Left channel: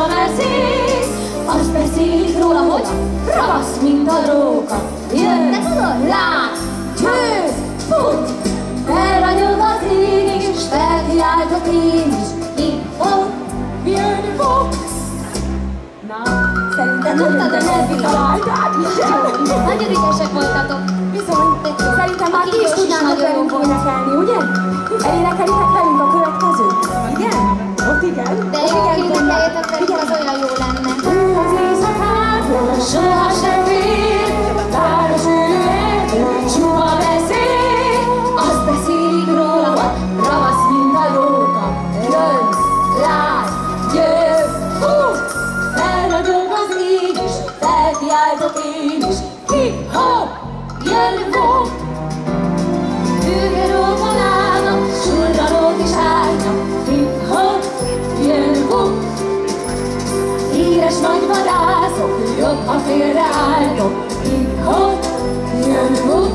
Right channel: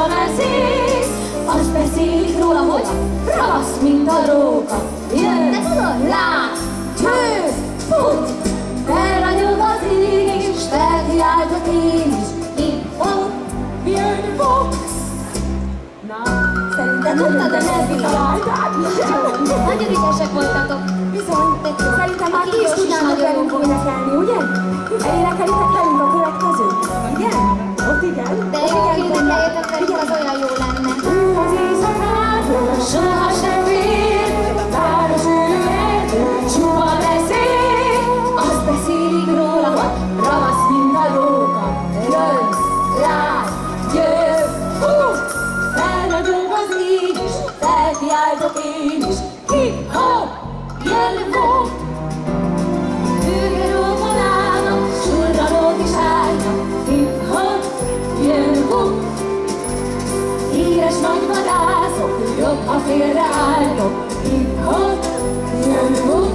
csúpa veszik, azt beszélik róla, hogy ravasz, mint a róka. Jön, lát, győz, fut, felragyog az ég is, felkiáltok én is, hip-hop, jön, fog. Na, szerintem tudtad, hogy ezt kitaláltad? Nagyon ügyesek voltatok. Bizony, szerintem már ti is tudnátok velünk énekelni, ugye? Elénekelitek velünk a következőt? Igen? Ott igen? De jó, énekeljetek velünk, az olyan jó lenne. Az éjszakától soha sem fél, város ülő, csupa beszél, azt beszélik róla, hogy ravasz, mint a róka. Jön, lát, győz, fut, felragyog az ég is, felkiáltok én is, hip-hop, jön, fog. Hőgeróban állnak, surranók is állnak, hip-hop, jön, fog. Híres nagy vadászok, jobb, ha félreálltok, hip-hop, jön, fog.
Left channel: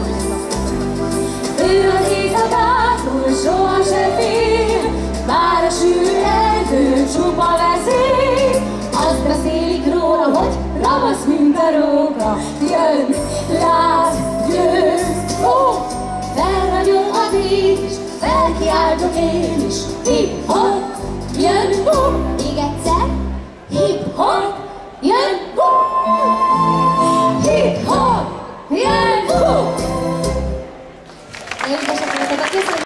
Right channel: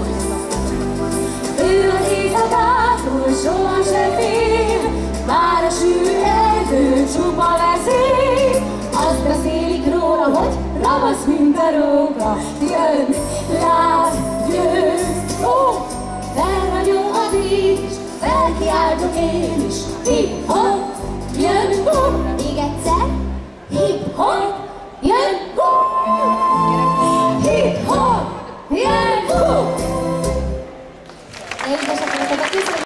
Ő az éjszakától soha se fél, bár a sűrű erdő csupa veszik, azt beszélik róla, hogy ravasz, mint a róka. Jön, lát, győz, fog, felragyog az ég is, felkiáltok én is, hip-hop, jön, fog.